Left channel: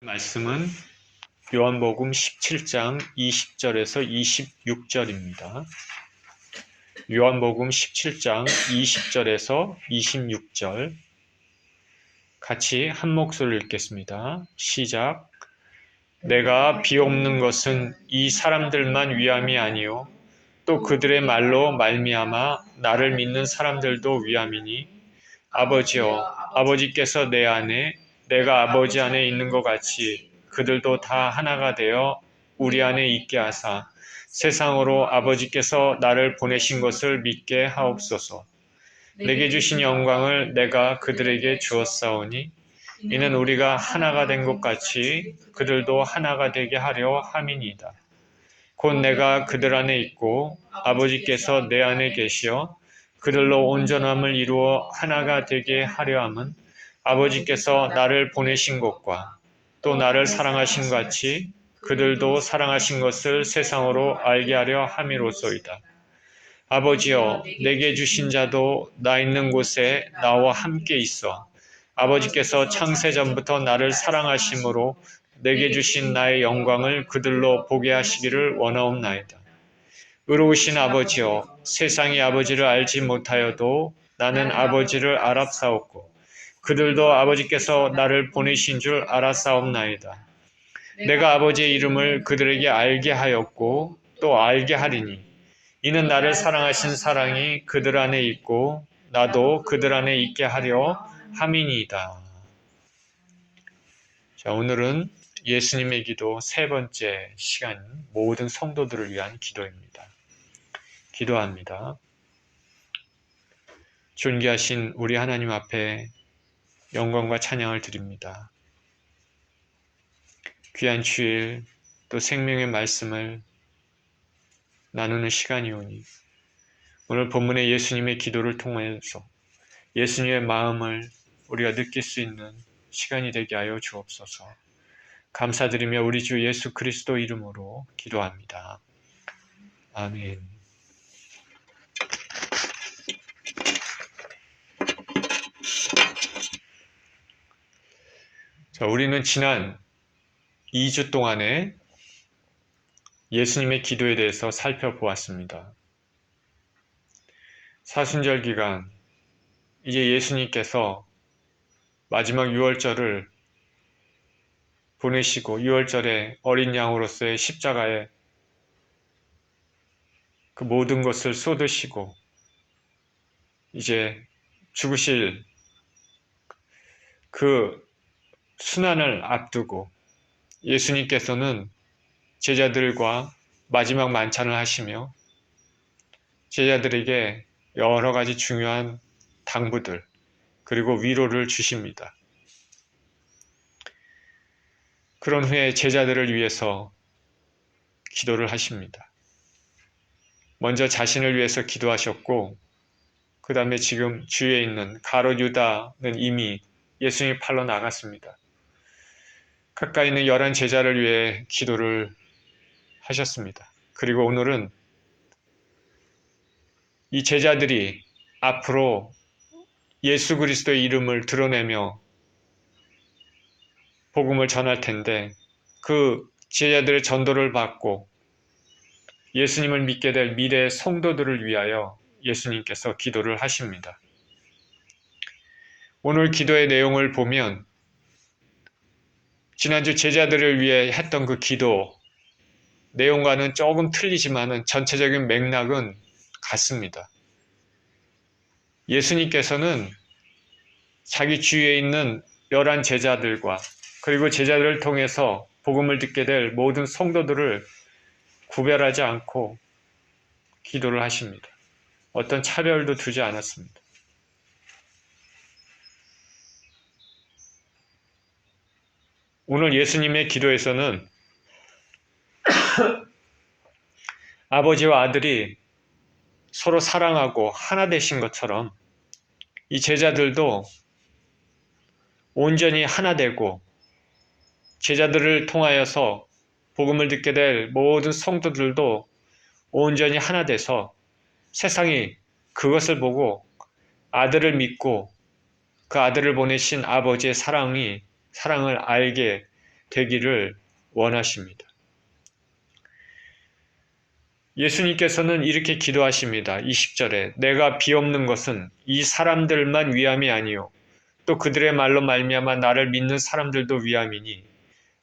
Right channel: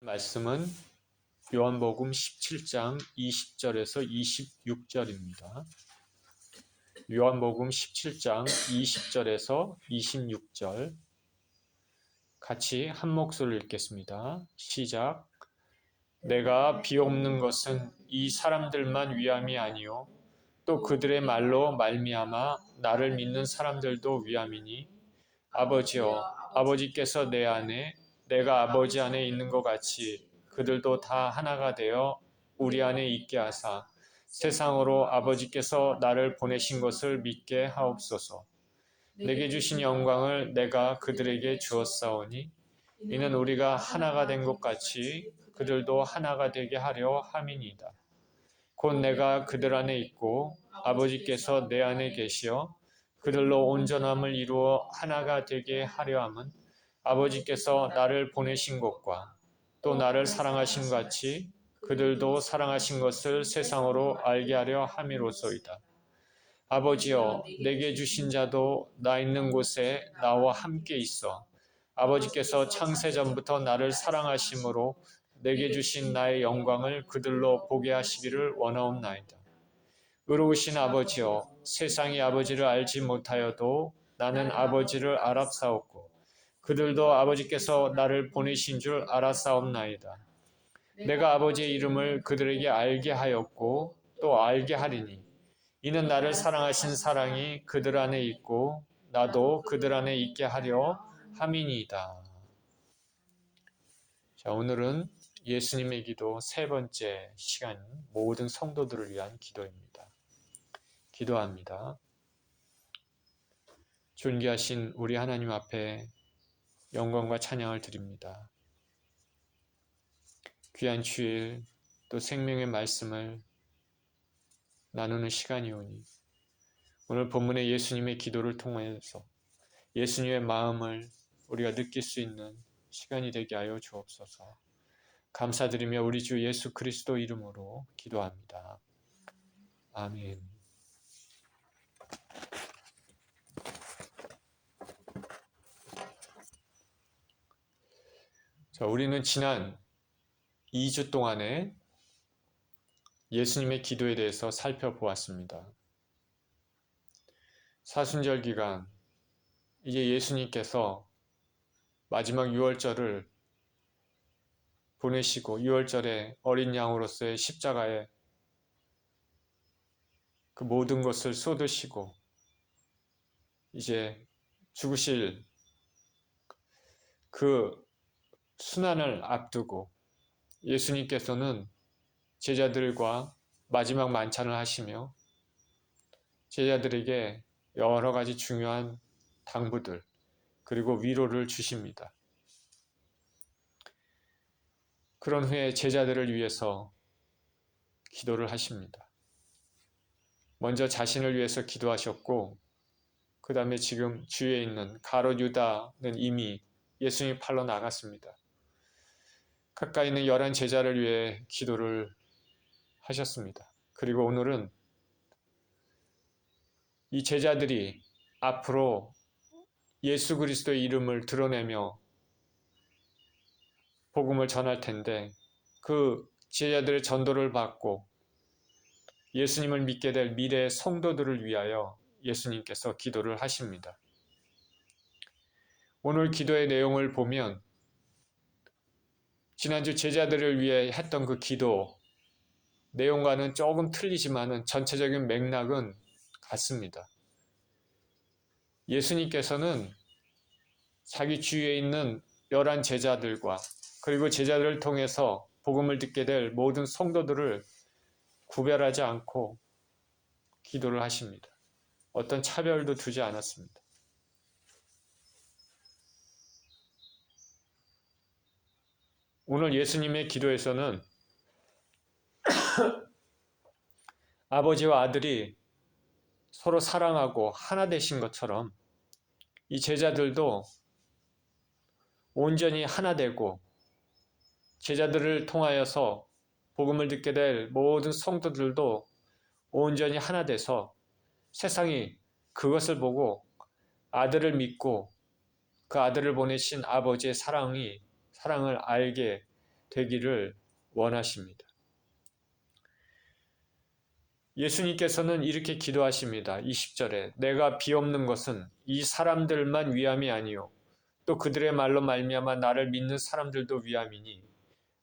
말씀은 요한복음 17장 20절에서 26절입니다. 요한복음 17장 20절에서 26절 같이 한 목소리로 읽겠습니다. 시작. 내가 비옵는 것은 이 사람들만 위함이 아니요 또 그들의 말로 말미암아 나를 믿는 사람들도 위함이니 아버지여 아버지께서 내 안에 내가 아버지 안에 있는 것 같이 그들도 다 하나가 되어 우리 안에 있게 하사 세상으로 아버지께서 나를 보내신 것을 믿게 하옵소서. 내게 주신 영광을 내가 그들에게 주었사오니 이는 우리가 하나가 된 것 같이 그들도 하나가 되게 하려 함이니이다. 곧 내가 그들 안에 있고 아버지께서 내 안에 계시어 그들로 온전함을 이루어 하나가 되게 하려 함은 아버지께서 나를 보내신 것과 또 나를 사랑하신 같이 그들도 사랑하신 것을 세상으로 알게 하려 함이로소이다. 아버지여 내게 주신 자도 나 있는 곳에 나와 함께 있어 아버지께서 창세전부터 나를 사랑하심으로 내게 주신 나의 영광을 그들로 보게 하시기를 원하옵나이다. 의로우신 아버지여 세상이 아버지를 알지 못하여도 나는 아버지를 알았사옵고 그들도 아버지께서 나를 보내신 줄 알았사옵나이다. 내가 아버지의 이름을 그들에게 알게 하였고 또 알게 하리니 이는 나를 사랑하신 사랑이 그들 안에 있고 나도 그들 안에 있게 하려 함이니이다. 자, 오늘은 예수님의 기도 세 번째 시간 모든 성도들을 위한 기도입니다. 기도합니다. 존귀하신 우리 하나님 앞에 영광과 찬양을 드립니다. 귀한 주일 또 생명의 말씀을 나누는 시간이오니 오늘 본문의 예수님의 기도를 통해서 예수님의 마음을 우리가 느낄 수 있는 시간이 되게 하여 주옵소서. 감사드리며 우리 주 예수 그리스도 이름으로 기도합니다. 아멘. 자, 우리는 지난 2주 동안에 예수님의 기도에 대해서 살펴보았습니다. 사순절 기간, 이제 예수님께서 마지막 유월절을 보내시고 유월절에 어린 양으로서의 십자가에 그 모든 것을 쏟으시고 이제 죽으실 그 순환을 앞두고 예수님께서는 제자들과 마지막 만찬을 하시며 제자들에게 여러 가지 중요한 당부들 그리고 위로를 주십니다. 그런 후에 제자들을 위해서 기도를 하십니다. 먼저 자신을 위해서 기도하셨고 그 다음에 지금 주위에 있는 가롯 유다는 이미 예수님의 팔로 나갔습니다. 가까이 있는 11 제자를 위해 기도를 하셨습니다. 그리고 오늘은 이 제자들이 앞으로 예수 그리스도의 이름을 드러내며 복음을 전할 텐데 그 제자들의 전도를 받고 예수님을 믿게 될 미래의 성도들을 위하여 예수님께서 기도를 하십니다. 오늘 기도의 내용을 보면 지난주 제자들을 위해 했던 그 기도 내용과는 조금 틀리지만은 전체적인 맥락은 같습니다. 예수님께서는 자기 주위에 있는 11 제자들과 그리고 제자들을 통해서 복음을 듣게 될 모든 성도들을 구별하지 않고 기도를 하십니다. 어떤 차별도 두지 않았습니다. 오늘 예수님의 기도에서는 아버지와 아들이 서로 사랑하고 하나 되신 것처럼 이 제자들도 온전히 하나 되고 제자들을 통하여서 복음을 듣게 될 모든 성도들도 온전히 하나 돼서 세상이 그것을 보고 아들을 믿고 그 아들을 보내신 아버지의 사랑을 알게 되기를 원하십니다. 예수님께서는 이렇게 기도하십니다. 20절에 내가 비옵는 것은 이 사람들만 위함이 아니요 또 그들의 말로 말미암아 나를 믿는 사람들도 위함이니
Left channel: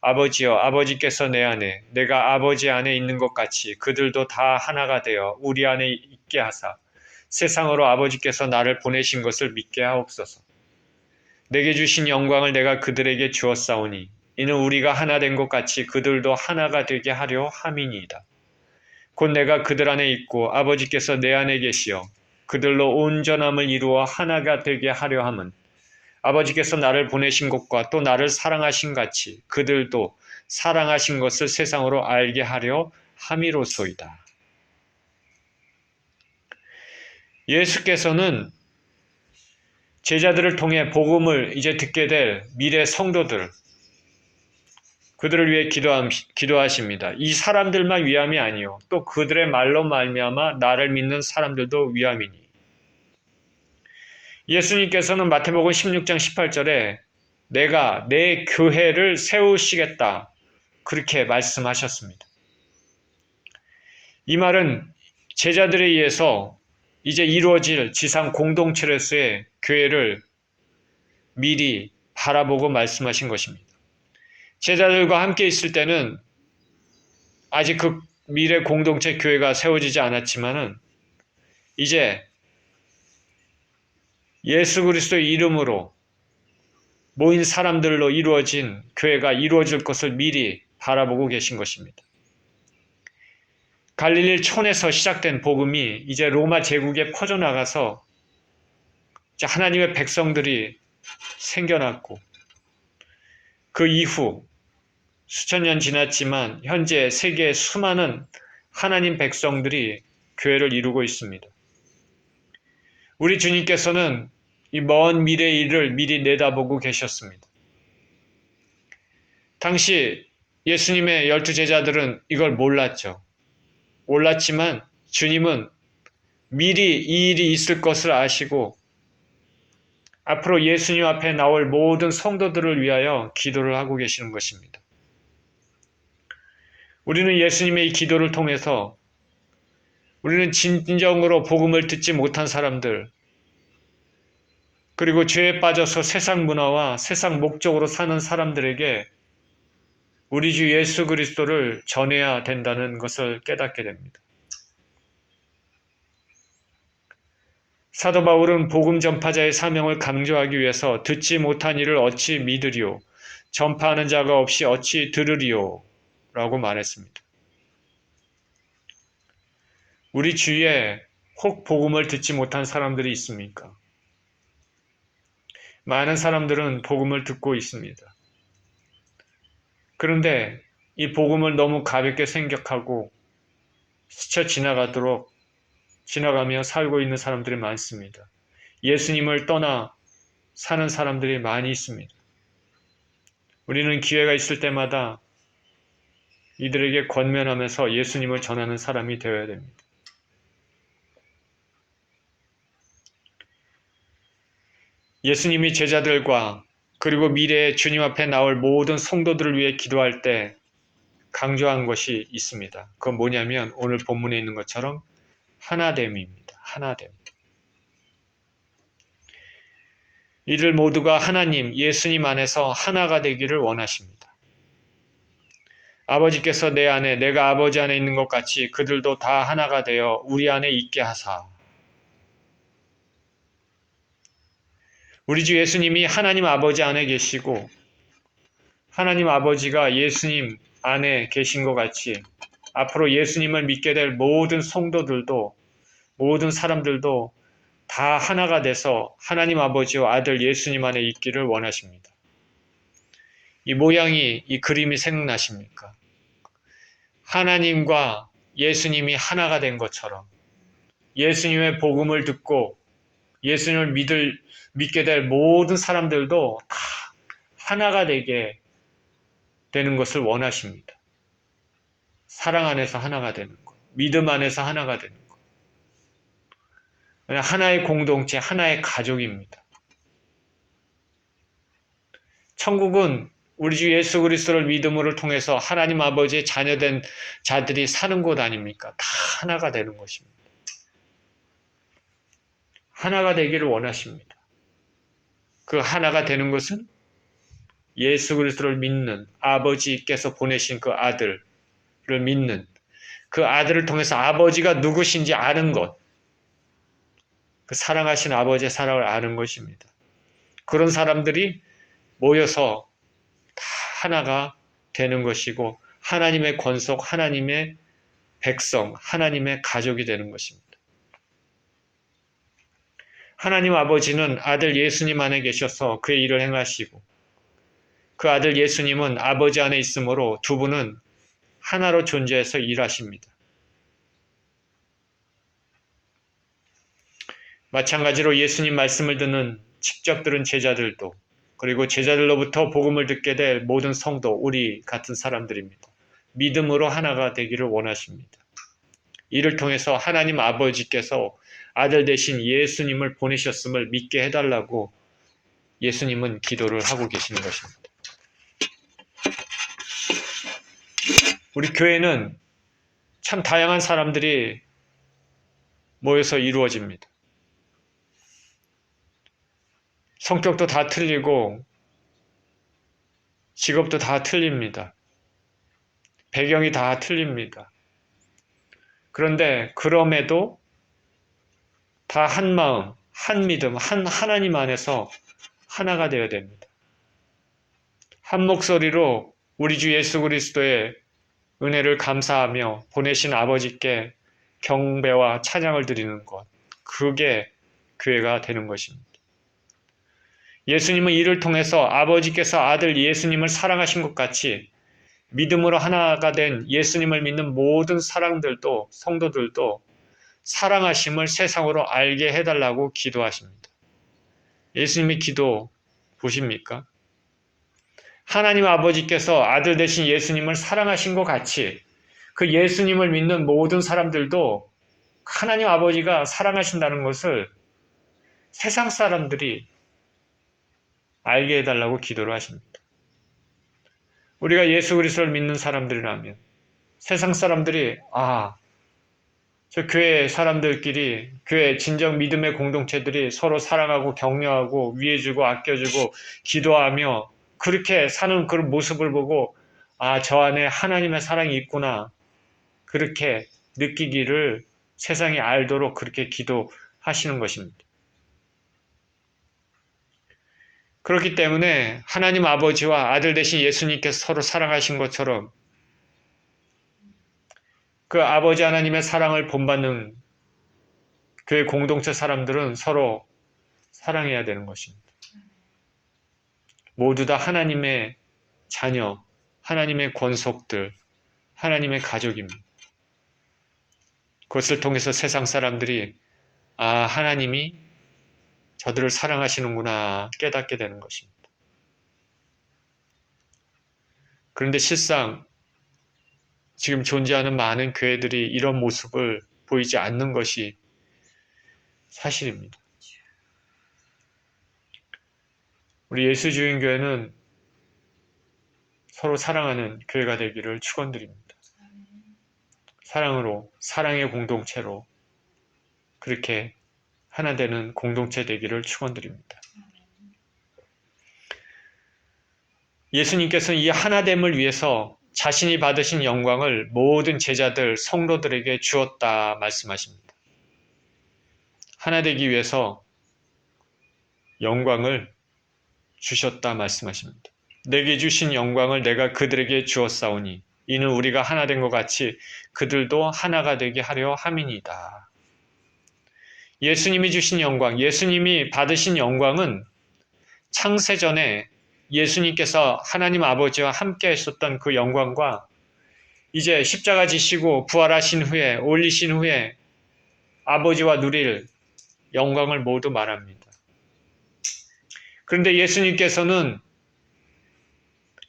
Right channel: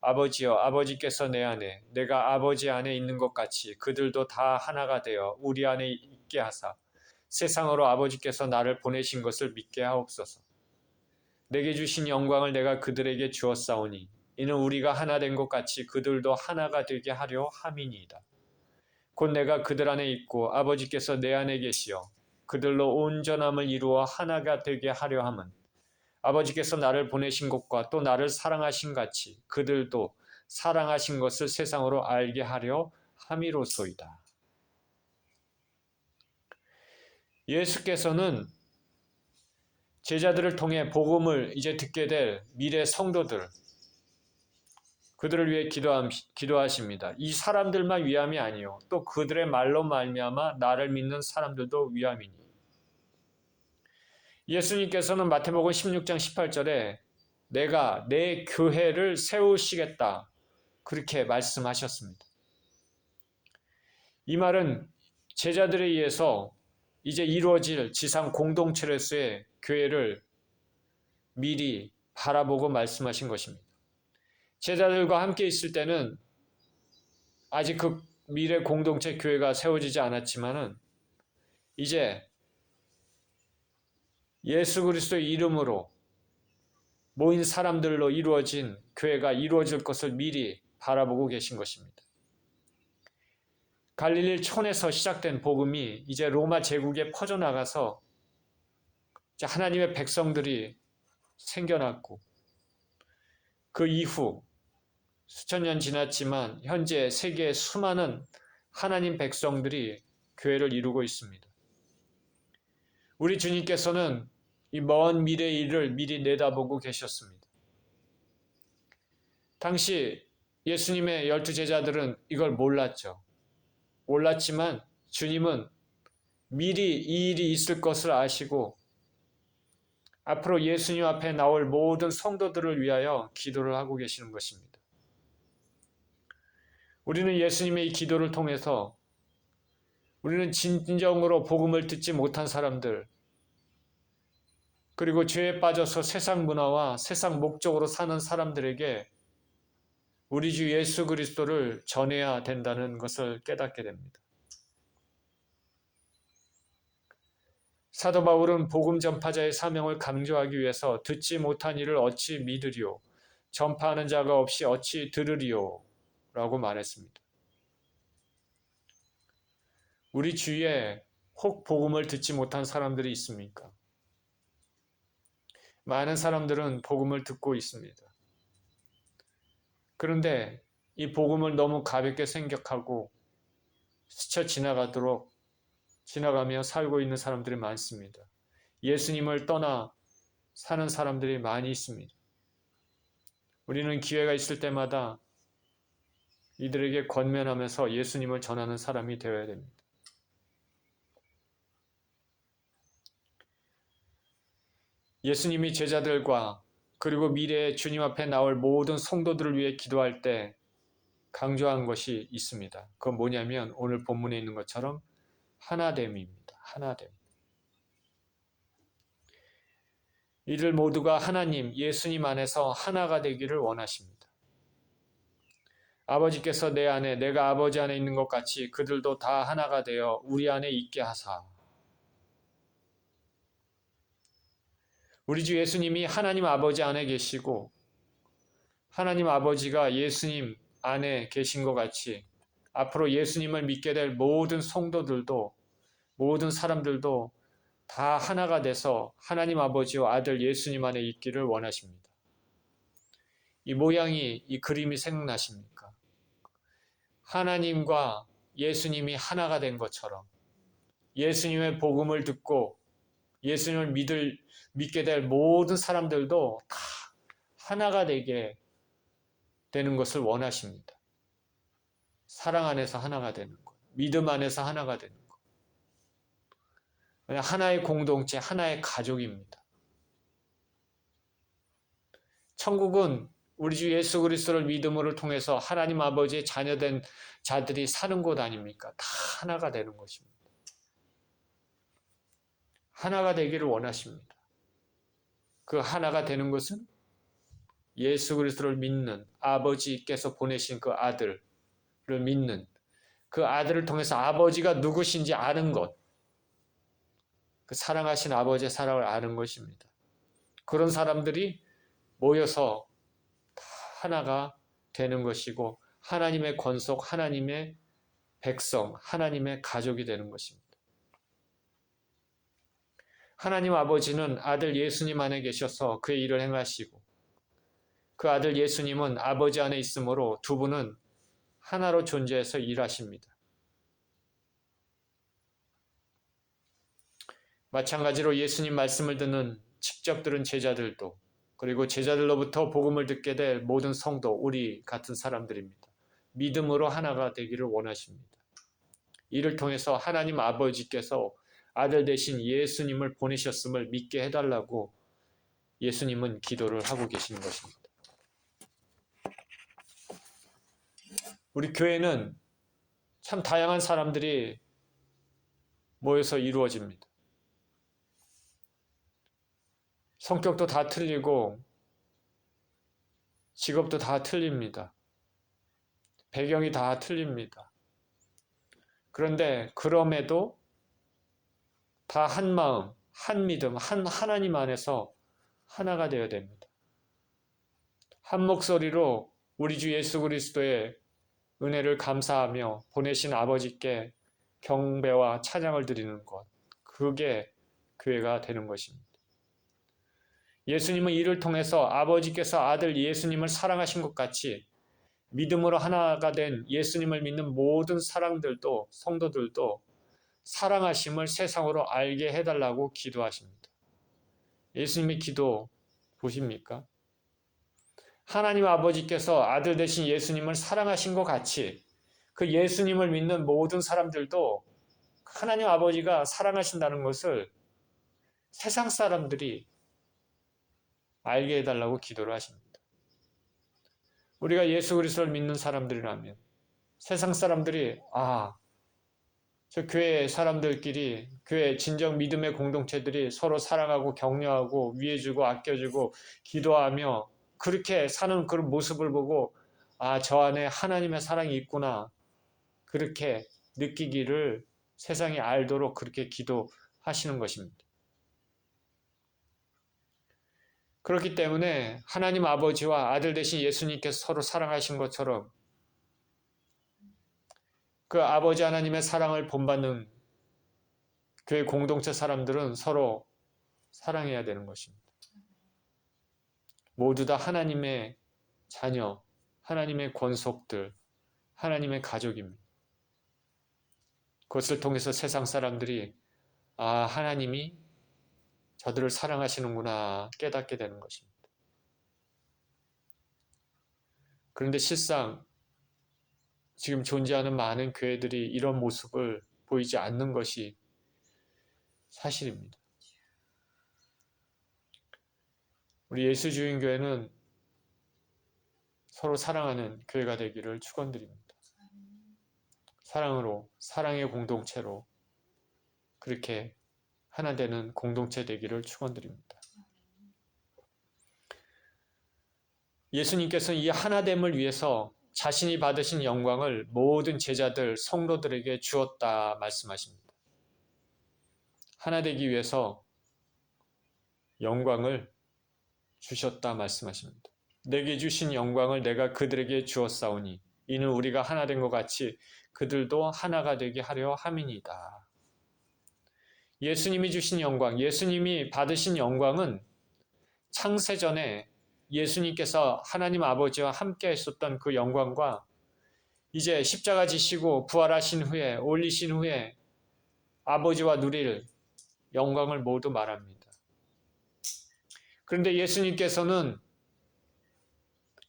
아버지여 아버지께서 내 안에 내가 아버지 안에 있는 것 같이 그들도 다 하나가 되어 우리 안에 있게 하사 세상으로 아버지께서 나를 보내신 것을 믿게 하옵소서. 내게 주신 영광을 내가 그들에게 주었사오니 이는 우리가 하나 된 것 같이 그들도 하나가 되게 하려 함이니이다. 곧 내가 그들 안에 있고 아버지께서 내 안에 계시어 그들로 온전함을 이루어 하나가 되게 하려 함은 아버지께서 나를 보내신 것과 또 나를 사랑하신 같이 그들도 사랑하신 것을 세상으로 알게 하려 함이로소이다. 예수께서는 제자들을 통해 복음을 이제 듣게 될 미래 성도들, 그들을 위해 기도하십니다. 이 사람들만 위함이 아니요 또 그들의 말로 말미암아 나를 믿는 사람들도 위함이니. 예수님께서는 마태복음 16장 18절에 내가 내 교회를 세우시겠다 그렇게 말씀하셨습니다. 이 말은 제자들에 의해서 이제 이루어질 지상 공동체로서의 교회를 미리 바라보고 말씀하신 것입니다. 제자들과 함께 있을 때는 아직 그 미래 공동체 교회가 세워지지 않았지만은 이제 예수 그리스도의 이름으로 모인 사람들로 이루어진 교회가 이루어질 것을 미리 바라보고 계신 것입니다. 갈릴리 촌에서 시작된 복음이 이제 로마 제국에 퍼져나가서 이제 하나님의 백성들이 생겨났고 그 이후 수천 년 지났지만 현재 세계의 수많은 하나님 백성들이 교회를 이루고 있습니다. 우리 주님께서는 이 먼 미래의 일을 미리 내다보고 계셨습니다. 당시 예수님의 12제자들은 이걸 몰랐죠. 몰랐지만 주님은 미리 이 일이 있을 것을 아시고 앞으로 예수님 앞에 나올 모든 성도들을 위하여 기도를 하고 계시는 것입니다. 우리는 예수님의 이 기도를 통해서 우리는 진정으로 복음을 듣지 못한 사람들, 그리고 죄에 빠져서 세상 문화와 세상 목적으로 사는 사람들에게 우리 주 예수 그리스도를 전해야 된다는 것을 깨닫게 됩니다. 사도 바울은 복음 전파자의 사명을 강조하기 위해서 듣지 못한 이를 어찌 믿으리요? 전파하는 자가 없이 어찌 들으리요? 라고 말했습니다. 우리 주위에 혹 복음을 듣지 못한 사람들이 있습니까? 많은 사람들은 복음을 듣고 있습니다. 그런데 이 복음을 너무 가볍게 생각하고 스쳐 지나가며 살고 있는 사람들이 많습니다. 예수님을 떠나 사는 사람들이 많이 있습니다. 우리는 기회가 있을 때마다 이들에게 권면하면서 예수님을 전하는 사람이 되어야 됩니다. 예수님이 제자들과 그리고 미래에 주님 앞에 나올 모든 성도들을 위해 기도할 때 강조한 것이 있습니다. 그건 뭐냐면 오늘 본문에 있는 것처럼 하나됨입니다. 하나됨. 이들 모두가 하나님, 예수님 안에서 하나가 되기를 원하십니다. 아버지께서 내 안에, 내가 아버지 안에 있는 것 같이 그들도 다 하나가 되어 우리 안에 있게 하사. 우리 주 예수님이 하나님 아버지 안에 계시고 하나님 아버지가 예수님 안에 계신 것 같이 앞으로 예수님을 믿게 될 모든 성도들도 모든 사람들도 다 하나가 돼서 하나님 아버지와 아들 예수님 안에 있기를 원하십니다. 이 모양이, 이 그림이 생각나십니까? 하나님과 예수님이 하나가 된 것처럼 예수님의 복음을 듣고 예수님을 믿게 될 모든 사람들도 다 하나가 되게 되는 것을 원하십니다. 사랑 안에서 하나가 되는 것, 믿음 안에서 하나가 되는 것. 하나의 공동체, 하나의 가족입니다. 천국은 우리 주 예수 그리스도를 믿음으로 통해서 하나님 아버지의 자녀된 자들이 사는 곳 아닙니까? 다 하나가 되는 것입니다. 하나가 되기를 원하십니다. 그 하나가 되는 것은 예수 그리스도를 믿는 아버지께서 보내신 그 아들을 믿는 그 아들을 통해서 아버지가 누구신지 아는 것, 그 사랑하신 아버지의 사랑을 아는 것입니다. 그런 사람들이 모여서 다 하나가 되는 것이고 하나님의 권속, 하나님의 백성, 하나님의 가족이 되는 것입니다. 하나님 아버지는 아들 예수님 안에 계셔서 그의 일을 행하시고 그 아들 예수님은 아버지 안에 있으므로 두 분은 하나로 존재해서 일하십니다. 마찬가지로 예수님 말씀을 듣는 직접 들은 제자들도 그리고 제자들로부터 복음을 듣게 될 모든 성도, 우리 같은 사람들입니다. 믿음으로 하나가 되기를 원하십니다. 이를 통해서 하나님 아버지께서 아들 대신 예수님을 보내셨음을 믿게 해달라고 예수님은 기도를 하고 계시는 것입니다. 우리 교회는 참 다양한 사람들이 모여서 이루어집니다. 성격도 다 틀리고 직업도 다 틀립니다. 배경이 다 틀립니다. 그런데 그럼에도 다 한 마음, 한 믿음, 한 하나님 안에서 하나가 되어야 됩니다. 한 목소리로 우리 주 예수 그리스도의 은혜를 감사하며 보내신 아버지께 경배와 찬양을 드리는 것, 그게 교회가 되는 것입니다. 예수님은 이를 통해서 아버지께서 아들 예수님을 사랑하신 것 같이 믿음으로 하나가 된 예수님을 믿는 모든 사람들도, 성도들도 사랑하심을 세상으로 알게 해달라고 기도하십니다. 예수님의 기도 보십니까? 하나님 아버지께서 아들 대신 예수님을 사랑하신 것 같이 그 예수님을 믿는 모든 사람들도 하나님 아버지가 사랑하신다는 것을 세상 사람들이 알게 해달라고 기도를 하십니다. 우리가 예수 그리스도를 믿는 사람들이라면 세상 사람들이 저 교회 사람들끼리 교회 진정 믿음의 공동체들이 서로 사랑하고 격려하고 위해주고 아껴주고 기도하며 그렇게 사는 그런 모습을 보고 저 안에 하나님의 사랑이 있구나 그렇게 느끼기를 세상이 알도록 그렇게 기도하시는 것입니다. 그렇기 때문에 하나님 아버지와 아들 대신 예수님께서 서로 사랑하신 것처럼 그 아버지 하나님의 사랑을 본받는 교회 공동체 사람들은 서로 사랑해야 되는 것입니다. 모두 다 하나님의 자녀, 하나님의 권속들, 하나님의 가족입니다. 그것을 통해서 세상 사람들이 하나님이 저들을 사랑하시는구나 깨닫게 되는 것입니다. 그런데 실상 지금 존재하는 많은 교회들이 이런 모습을 보이지 않는 것이 사실입니다. 우리 예수주인교회는 서로 사랑하는 교회가 되기를 축원드립니다. 사랑으로, 사랑의 공동체로 그렇게 하나 되는 공동체 되기를 축원드립니다. 예수님께서는 이 하나됨을 위해서 자신이 받으신 영광을 모든 제자들, 성도들에게 주었다 말씀하십니다. 하나 되기 위해서 영광을 주셨다 말씀하십니다. 내게 주신 영광을 내가 그들에게 주었사오니 이는 우리가 하나 된 것 같이 그들도 하나가 되게 하려 함이니이다. 예수님이 주신 영광, 예수님이 받으신 영광은 창세전에 예수님께서 하나님 아버지와 함께 하셨던 그 영광과 이제 십자가 지시고 부활하신 후에 올리신 후에 아버지와 누릴 영광을 모두 말합니다. 그런데 예수님께서는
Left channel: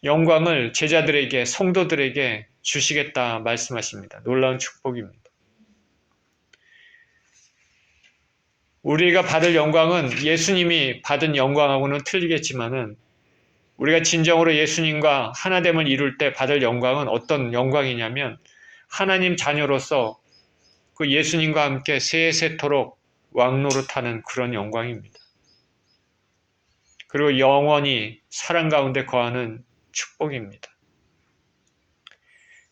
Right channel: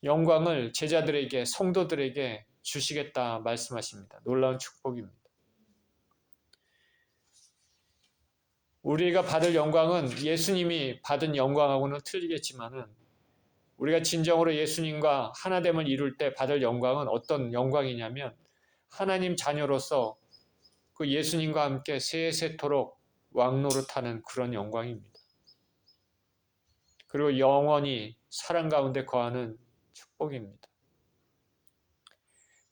영광을 제자들에게 성도들에게 주시겠다 말씀하십니다. 놀라운 축복입니다. 우리가 받을 영광은 예수님이 받은 영광하고는 틀리겠지만은 우리가 진정으로 예수님과 하나됨을 이룰 때 받을 영광은 어떤 영광이냐면 하나님 자녀로서 그 예수님과 함께 세세토록 왕노릇하는 그런 영광입니다. 그리고 영원히 사랑 가운데 거하는 축복입니다.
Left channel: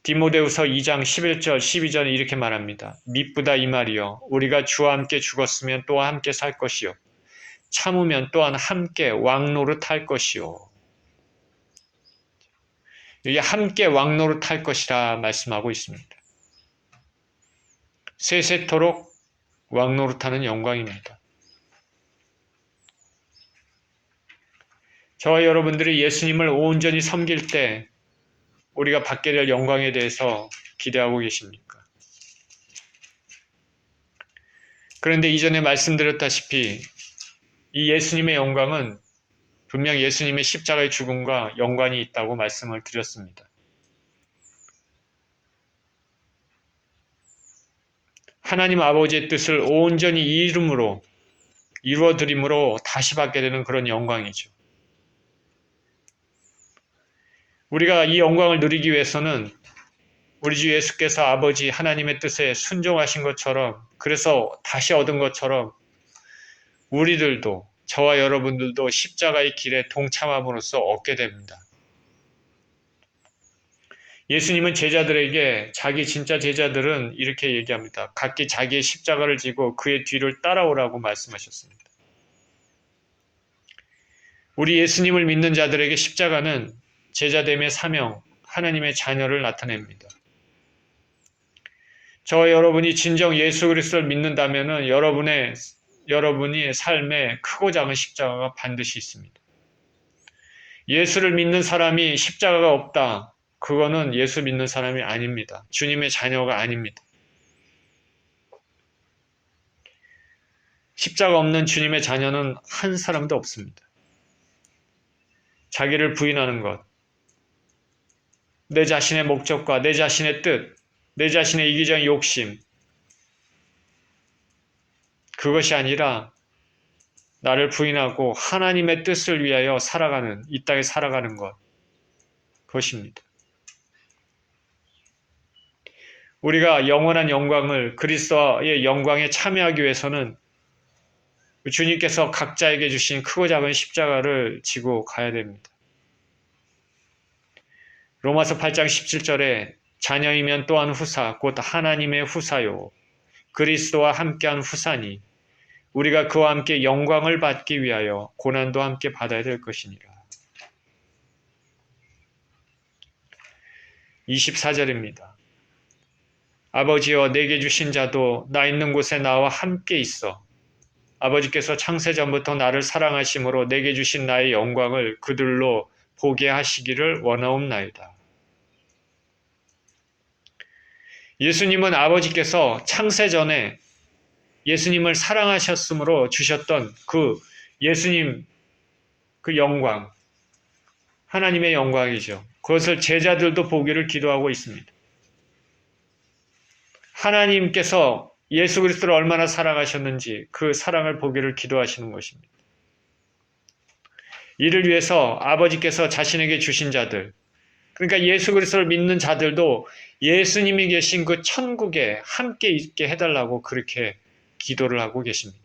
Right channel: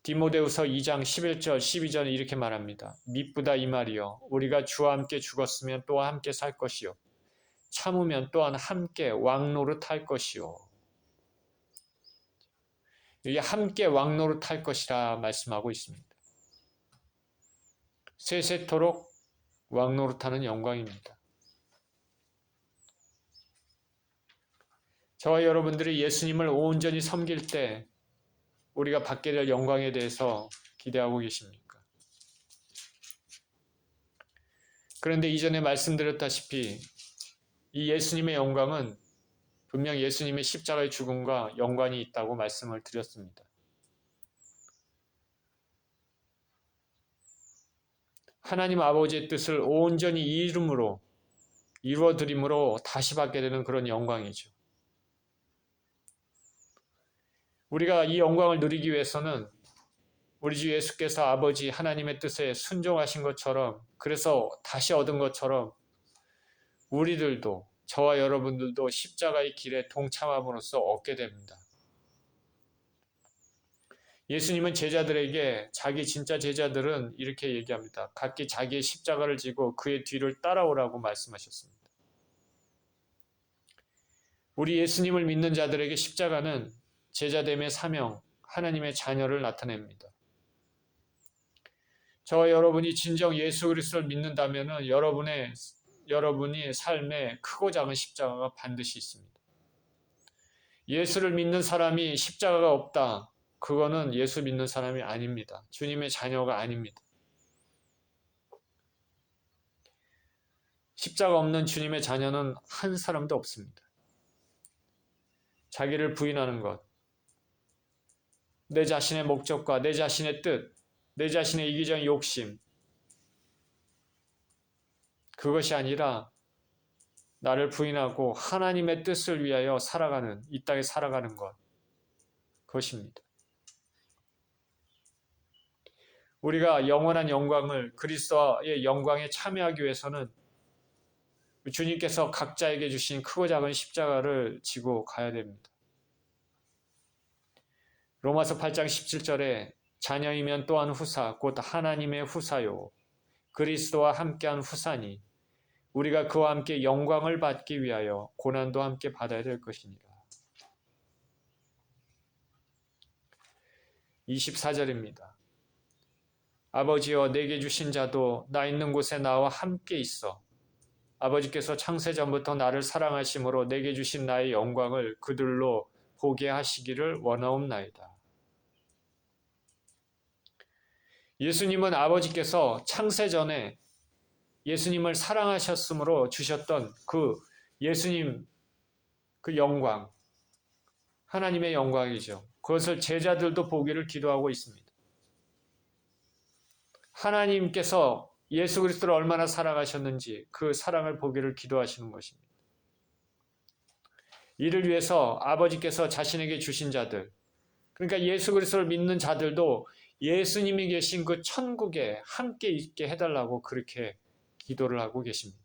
디모데후서 2장 11절 12절에 이렇게 말합니다. 미쁘다 이 말이요 우리가 주와 함께 죽었으면 또한 함께 살 것이요 참으면 또한 함께 왕노릇할 것이요. 이게 함께 왕노릇할 것이라 말씀하고 있습니다. 세세토록 왕노릇하는 영광입니다. 저와 여러분들이 예수님을 온전히 섬길 때 우리가 받게 될 영광에 대해서 기대하고 계십니까? 그런데 이전에 말씀드렸다시피 이 예수님의 영광은 분명 예수님의 십자가의 죽음과 연관이 있다고 말씀을 드렸습니다. 하나님 아버지의 뜻을 온전히 이루어드림으로 다시 받게 되는 그런 영광이죠. 우리가 이 영광을 누리기 위해서는 우리 주 예수께서 아버지 하나님의 뜻에 순종하신 것처럼 그래서 다시 얻은 것처럼 우리들도 저와 여러분들도 십자가의 길에 동참함으로써 얻게 됩니다. 예수님은 제자들에게 자기 진짜 제자들은 이렇게 얘기합니다. 각기 자기의 십자가를 지고 그의 뒤를 따라오라고 말씀하셨습니다. 우리 예수님을 믿는 자들에게 십자가는 제자됨의 사명, 하나님의 자녀를 나타냅니다. 저와 여러분이 진정 예수 그리스도를 믿는다면 여러분의 삶에 크고 작은 십자가가 반드시 있습니다. 예수를 믿는 사람이 십자가가 없다. 그거는 예수 믿는 사람이 아닙니다. 주님의 자녀가 아닙니다. 십자가 없는 주님의 자녀는 한 사람도 없습니다. 자기를 부인하는 것, 내 자신의 목적과 내 자신의 뜻, 내 자신의 이기적인 욕심, 그것이 아니라 나를 부인하고 하나님의 뜻을 위하여 살아가는, 이 땅에 살아가는 것, 그것입니다. 우리가 영원한 영광을 그리스도의 영광에 참여하기 위해서는 주님께서 각자에게 주신 크고 작은 십자가를 지고 가야 됩니다. 로마서 8장 17절에 자녀이면 또한 후사 곧 하나님의 후사요 그리스도와 함께한 후사니 우리가 그와 함께 영광을 받기 위하여 고난도 함께 받아야 될 것이니라. 24절입니다. 아버지여 내게 주신 자도 나 있는 곳에 나와 함께 있어 아버지께서 창세전부터 나를 사랑하심으로 내게 주신 나의 영광을 그들로 보게 하시기를 원하옵나이다. 예수님은 아버지께서 창세전에 예수님을 사랑하셨으므로 주셨던 그 예수님 그 영광, 하나님의 영광이죠. 그것을 제자들도 보기를 기도하고 있습니다. 하나님께서 예수 그리스도를 얼마나 사랑하셨는지 그 사랑을 보기를 기도하시는 것입니다. 이를 위해서 아버지께서 자신에게 주신 자들, 그러니까 예수 그리스도를 믿는 자들도 예수님이 계신 그 천국에 함께 있게 해달라고 그렇게 기도를 하고 계십니다.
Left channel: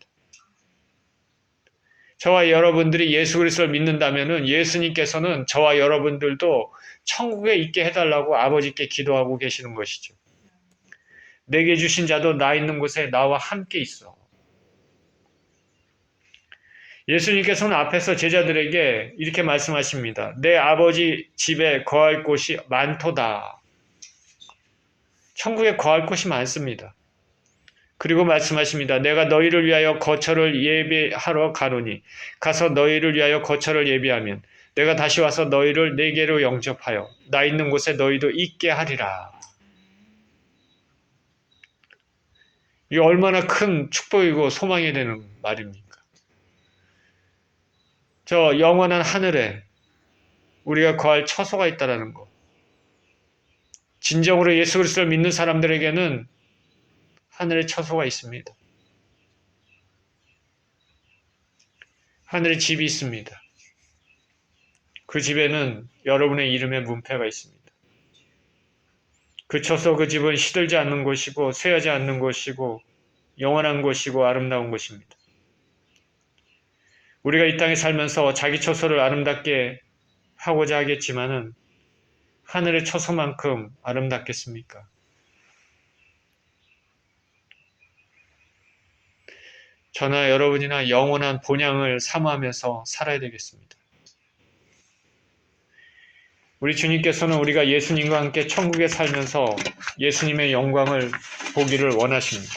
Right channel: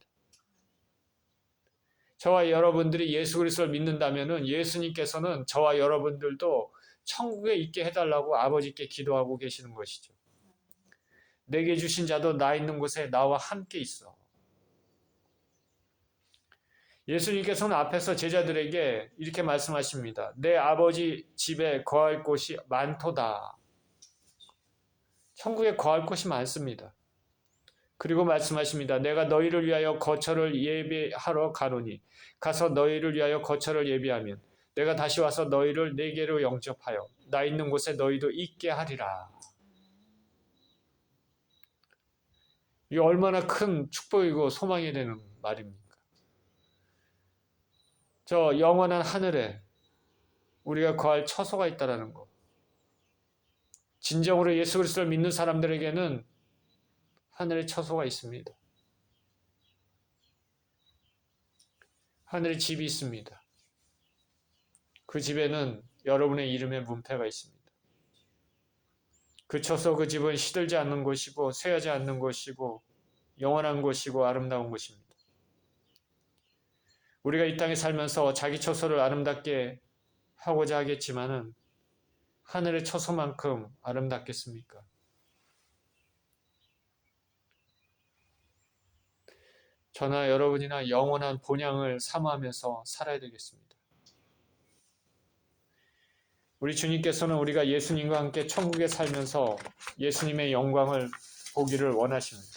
저와 여러분들이 예수 그리스도를 믿는다면 예수님께서는 저와 여러분들도 천국에 있게 해달라고 아버지께 기도하고 계시는 것이죠. 내게 주신 자도 나 있는 곳에 나와 함께 있어. 예수님께서는 앞에서 제자들에게 이렇게 말씀하십니다. 내 아버지 집에 거할 곳이 많도다. 천국에 거할 곳이 많습니다. 그리고 말씀하십니다. 내가 너희를 위하여 거처를 예비하러 가노니 가서 너희를 위하여 거처를 예비하면 내가 다시 와서 너희를 내게로 영접하여 나 있는 곳에 너희도 있게 하리라. 이게 얼마나 큰 축복이고 소망이 되는 말입니까? 저 영원한 하늘에 우리가 거할 처소가 있다는 것. 진정으로 예수 그리스도를 믿는 사람들에게는 하늘에 처소가 있습니다. 하늘에 집이 있습니다. 그 집에는 여러분의 이름의 문패가 있습니다. 그쳐서 그 집은 시들지 않는 곳이고 쇠하지 않는 곳이고 영원한 곳이고 아름다운 곳입니다. 우리가 이 땅에 살면서 자기 처소를 아름답게 하고자 하겠지만은 하늘의 처소만큼 아름답겠습니까? 저나 여러분이나 영원한 본향을 사모하면서 살아야 되겠습니다. 우리 주님께서는 우리가 예수님과 함께 천국에 살면서 예수님의 영광을 보기를 원하십니다.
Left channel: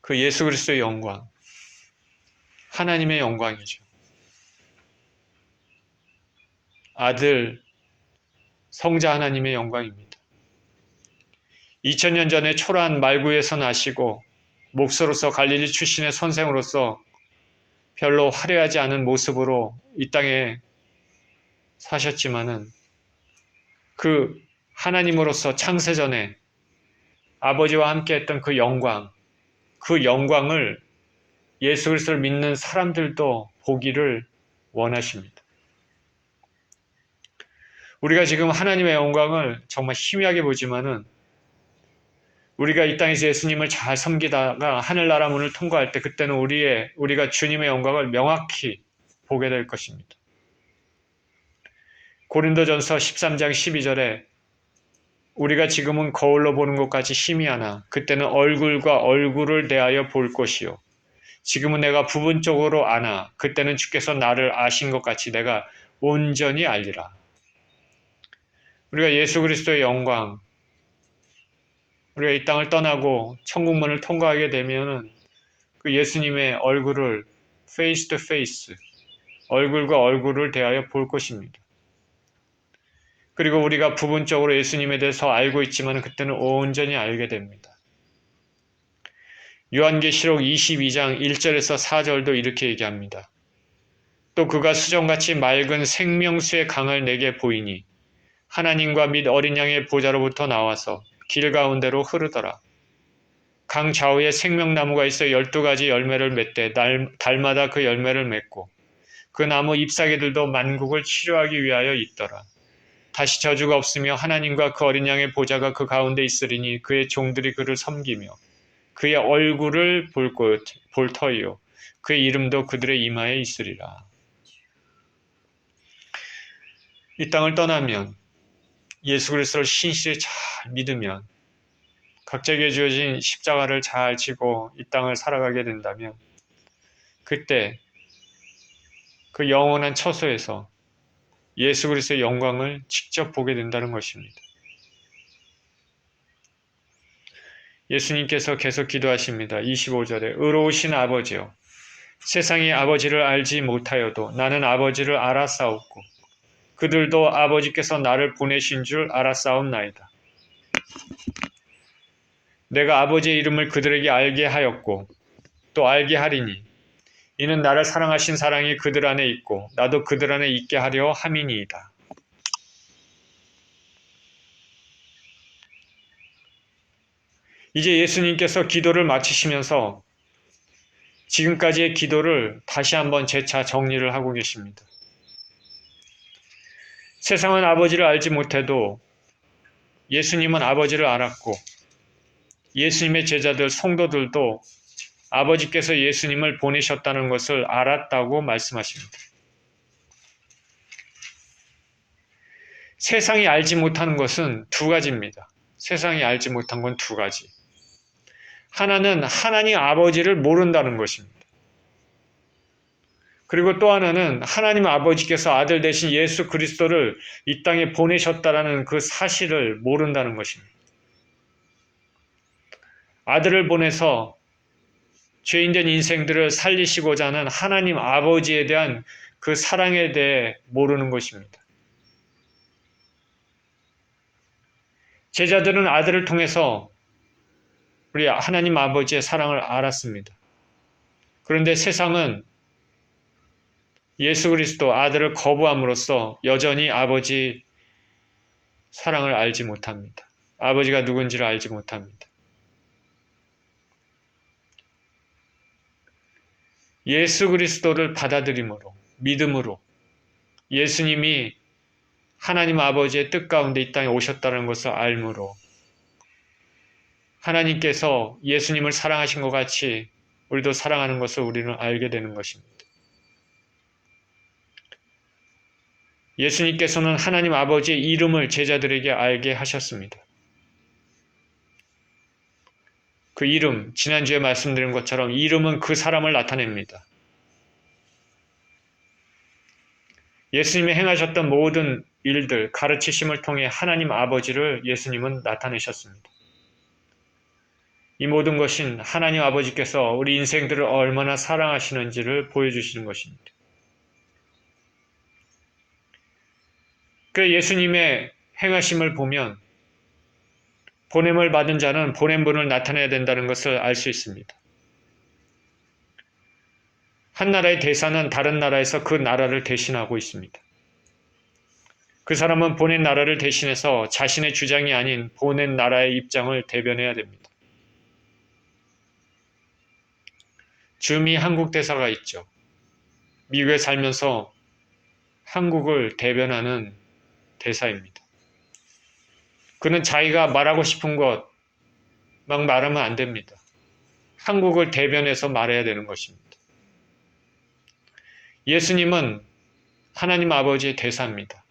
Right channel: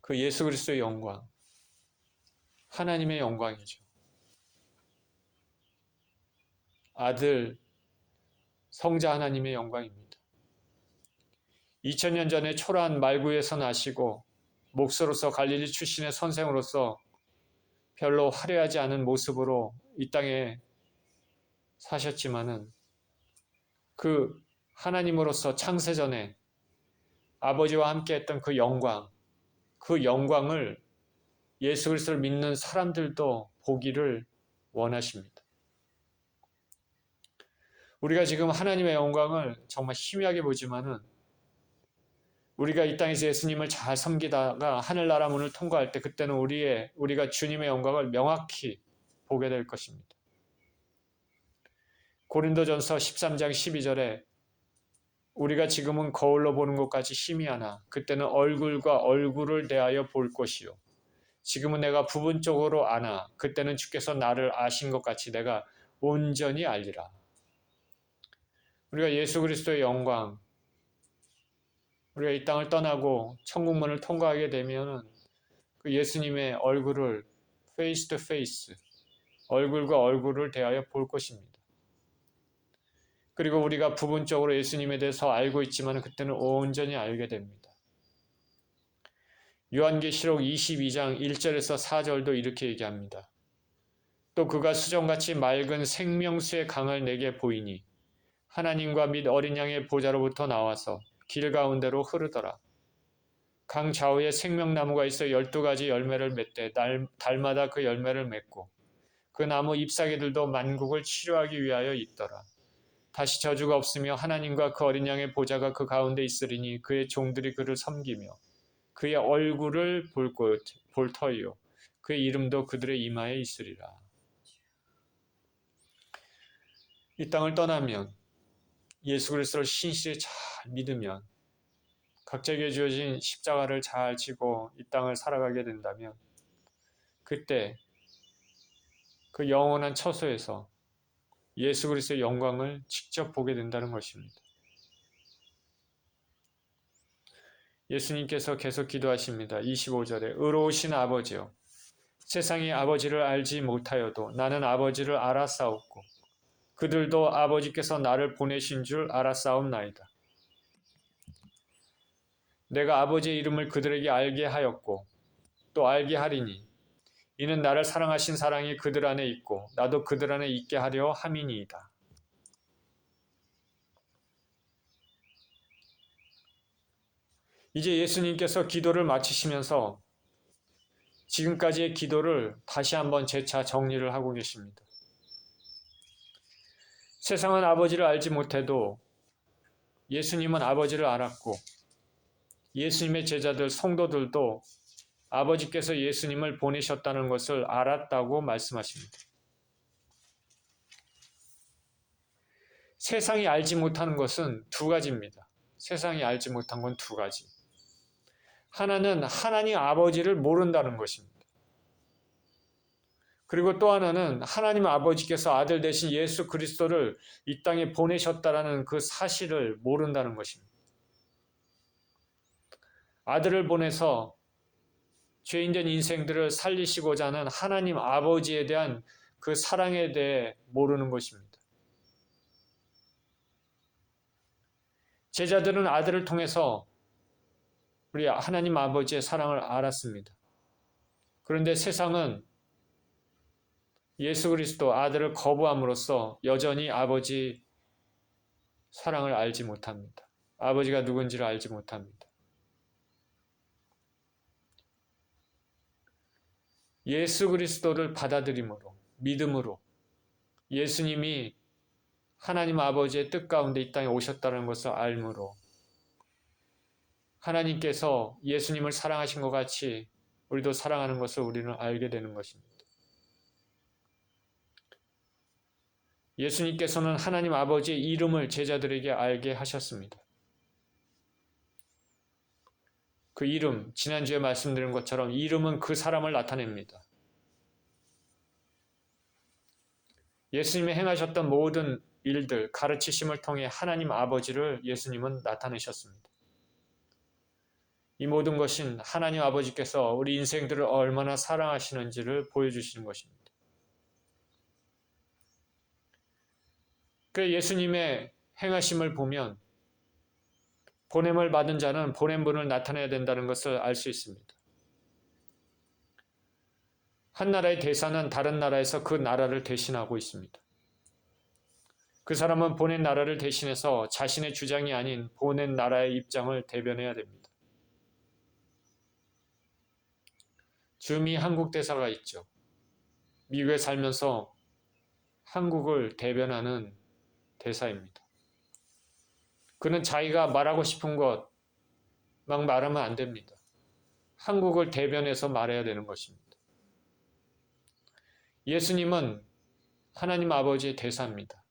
그 예수 그리스도의 영광, 하나님의 영광이죠. 아들, 성자 하나님의 영광입니다. 2000년 전에 초라한 말구에서 나시고 목소로서 갈릴리 출신의 선생으로서 별로 화려하지 않은 모습으로 이 땅에 사셨지만은 그 하나님으로서 창세전에 아버지와 함께 했던 그 영광을 예수 그리스도를 믿는 사람들도 보기를 원하십니다. 우리가 지금 하나님의 영광을 정말 희미하게 보지만은 우리가 이 땅에서 예수님을 잘 섬기다가 하늘나라 문을 통과할 때 그때는 우리가 주님의 영광을 명확히 보게 될 것입니다. 고린도전서 13장 12절에 우리가 지금은 거울로 보는 것까지 희미하나 그때는 얼굴과 얼굴을 대하여 볼 것이요. 지금은 내가 부분적으로 아나 그때는 주께서 나를 아신 것 같이 내가 온전히 알리라. 우리가 예수 그리스도의 영광, 우리가 이 땅을 떠나고 천국문을 통과하게 되면은 그 예수님의 얼굴을 face to face, 얼굴과 얼굴을 대하여 볼 것입니다. 그리고 우리가 부분적으로 예수님에 대해서 알고 있지만 그때는 온전히 알게 됩니다. 요한계시록 22장 1절에서 4절도 이렇게 얘기합니다. 또 그가 수정같이 맑은 생명수의 강을 내게 보이니 하나님과 및 어린 양의 보좌로부터 나와서 길 가운데로 흐르더라. 강 좌우에 생명나무가 있어 12가지 열매를 맺되 달마다 그 열매를 맺고 그 나무 잎사귀들도 만국을 치료하기 위하여 있더라. 다시 저주가 없으며 하나님과 그 어린 양의 보좌가 그 가운데 있으리니 그의 종들이 그를 섬기며 그의 얼굴을 볼 터이요 그의 이름도 그들의 이마에 있으리라. 이 땅을 떠나면 예수 그리스도를 신실히 잘 믿으면 각자에게 주어진 십자가를 잘 지고 이 땅을 살아가게 된다면 그때 그 영원한 처소에서 예수 그리스도의 영광을 직접 보게 된다는 것입니다. 예수님께서 계속 기도하십니다. 25절에 의로우신 아버지여 세상이 아버지를 알지 못하여도 나는 아버지를 알았사옵고 그들도 아버지께서 나를 보내신 줄 알았사옵나이다. 내가 아버지의 이름을 그들에게 알게 하였고 또 알게 하리니 이는 나를 사랑하신 사랑이 그들 안에 있고 나도 그들 안에 있게 하려 함이니이다. 이제 예수님께서 기도를 마치시면서 지금까지의 기도를 다시 한번 재차 정리를 하고 계십니다. 세상은 아버지를 알지 못해도 예수님은 아버지를 알았고 예수님의 제자들 성도들도 아버지께서 예수님을 보내셨다는 것을 알았다고 말씀하십니다. 세상이 알지 못하는 것은 두 가지입니다. 세상이 알지 못한 건 두 가지. 하나는 하나님 아버지를 모른다는 것입니다. 그리고 또 하나는 하나님 아버지께서 아들 대신 예수 그리스도를 이 땅에 보내셨다라는 그 사실을 모른다는 것입니다. 아들을 보내서 죄인된 인생들을 살리시고자 하는 하나님 아버지에 대한 그 사랑에 대해 모르는 것입니다. 제자들은 아들을 통해서 우리 하나님 아버지의 사랑을 알았습니다. 그런데 세상은 예수 그리스도 아들을 거부함으로써 여전히 아버지 사랑을 알지 못합니다. 아버지가 누군지를 알지 못합니다. 예수 그리스도를 받아들임으로 믿음으로 예수님이 하나님 아버지의 뜻 가운데 이 땅에 오셨다는 것을 알므로 하나님께서 예수님을 사랑하신 것 같이 우리도 사랑하는 것을 우리는 알게 되는 것입니다. 예수님께서는 하나님 아버지의 이름을 제자들에게 알게 하셨습니다. 그 이름, 지난주에 말씀드린 것처럼 이름은 그 사람을 나타냅니다. 예수님이 행하셨던 모든 일들, 가르치심을 통해 하나님 아버지를 예수님은 나타내셨습니다. 이 모든 것은 하나님 아버지께서 우리 인생들을 얼마나 사랑하시는지를 보여주시는 것입니다. 그 예수님의 행하심을 보면 보냄을 받은 자는 보낸 분을 나타내야 된다는 것을 알 수 있습니다. 한 나라의 대사는 다른 나라에서 그 나라를 대신하고 있습니다. 그 사람은 보낸 나라를 대신해서 자신의 주장이 아닌 보낸 나라의 입장을 대변해야 됩니다. 주미 한국 대사가 있죠. 미국에 살면서 한국을 대변하는 대사입니다. 그는 자기가 말하고 싶은 것 막 말하면 안 됩니다. 한국을 대변해서 말해야 되는 것입니다. 예수님은 하나님 아버지의 대사입니다.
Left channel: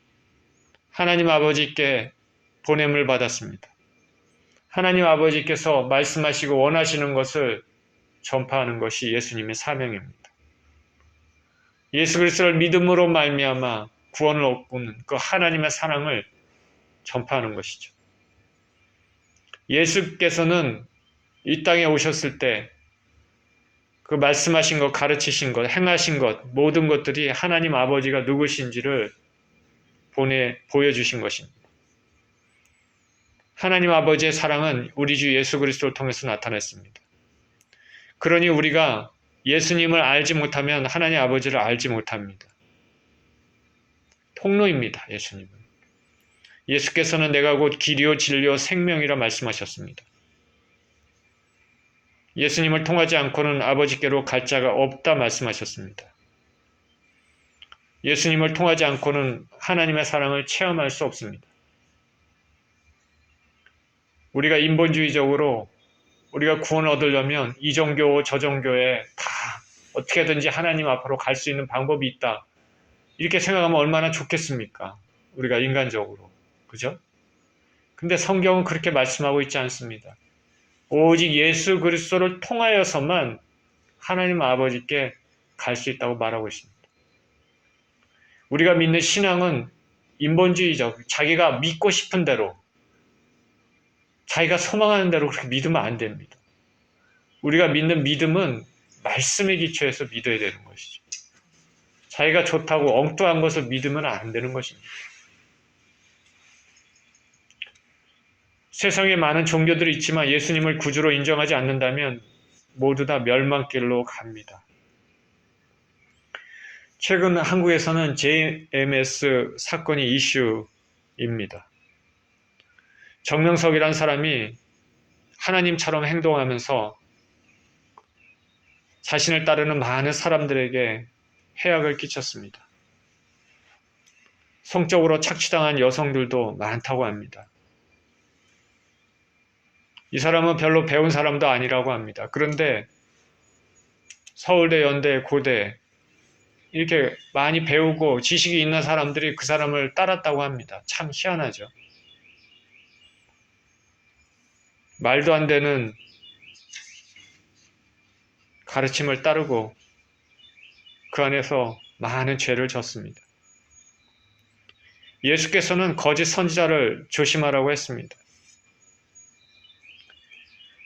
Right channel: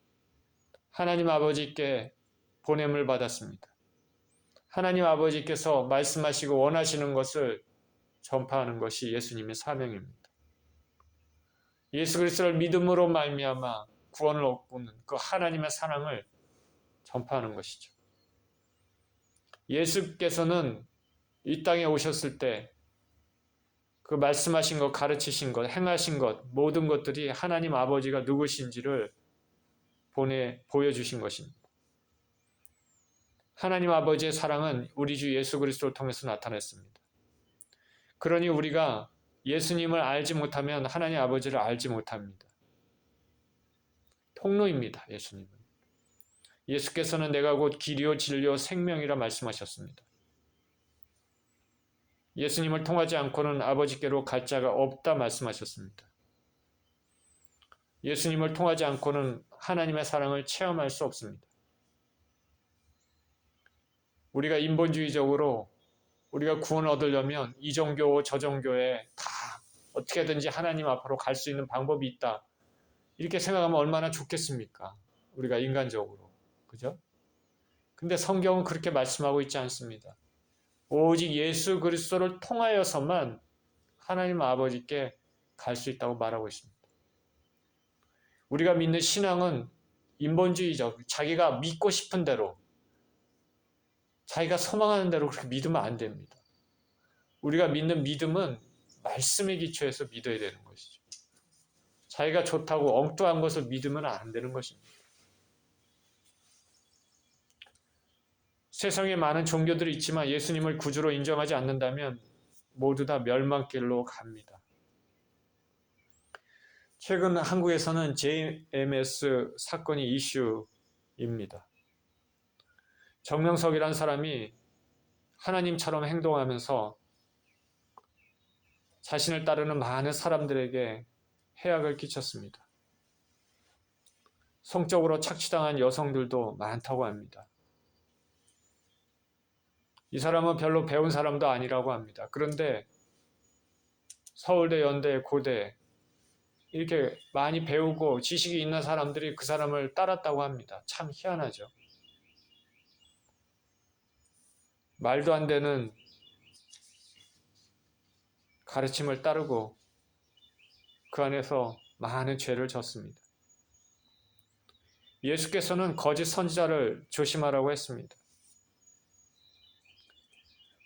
하나님 아버지께 보냄을 받았습니다. 하나님 아버지께서 말씀하시고 원하시는 것을 전파하는 것이 예수님의 사명입니다. 예수 그리스도를 믿음으로 말미암아 구원을 얻고는 그 하나님의 사랑을 전파하는 것이죠. 예수께서는 이 땅에 오셨을 때 그 말씀하신 것, 가르치신 것, 행하신 것, 모든 것들이 하나님 아버지가 누구신지를 보여주신 것입니다. 하나님 아버지의 사랑은 우리 주 예수 그리스도를 통해서 나타났습니다. 그러니 우리가 예수님을 알지 못하면 하나님 아버지를 알지 못합니다. 통로입니다. 예수님은. 예수께서는 내가 곧 길이요 진리요 생명이라 말씀하셨습니다. 예수님을 통하지 않고는 아버지께로 갈 자가 없다 말씀하셨습니다. 예수님을 통하지 않고는 하나님의 사랑을 체험할 수 없습니다. 우리가 인본주의적으로 우리가 구원을 얻으려면 이 종교 저 종교에 다 어떻게든지 하나님 앞으로 갈 수 있는 방법이 있다. 이렇게 생각하면 얼마나 좋겠습니까? 우리가 인간적으로. 그죠? 근데 성경은 그렇게 말씀하고 있지 않습니다. 오직 예수 그리스도를 통하여서만 하나님 아버지께 갈 수 있다고 말하고 있습니다. 우리가 믿는 신앙은 인본주의적, 자기가 믿고 싶은 대로, 자기가 소망하는 대로 그렇게 믿으면 안 됩니다. 우리가 믿는 믿음은 말씀에 기초해서 믿어야 되는 것이죠. 자기가 좋다고 엉뚱한 것을 믿으면 안 되는 것입니다. 세상에 많은 종교들이 있지만 예수님을 구주로 인정하지 않는다면 모두 다 멸망길로 갑니다. 최근 한국에서는 JMS 사건이 이슈입니다. 정명석이라는 사람이 하나님처럼 행동하면서 자신을 따르는 많은 사람들에게 해악을 끼쳤습니다. 성적으로 착취당한 여성들도 많다고 합니다. 이 사람은 별로 배운 사람도 아니라고 합니다. 그런데 서울대, 연대, 고대 이렇게 많이 배우고 지식이 있는 사람들이 그 사람을 따랐다고 합니다. 참 희한하죠. 말도 안 되는 가르침을 따르고 그 안에서 많은 죄를 졌습니다. 예수께서는 거짓 선지자를 조심하라고 했습니다.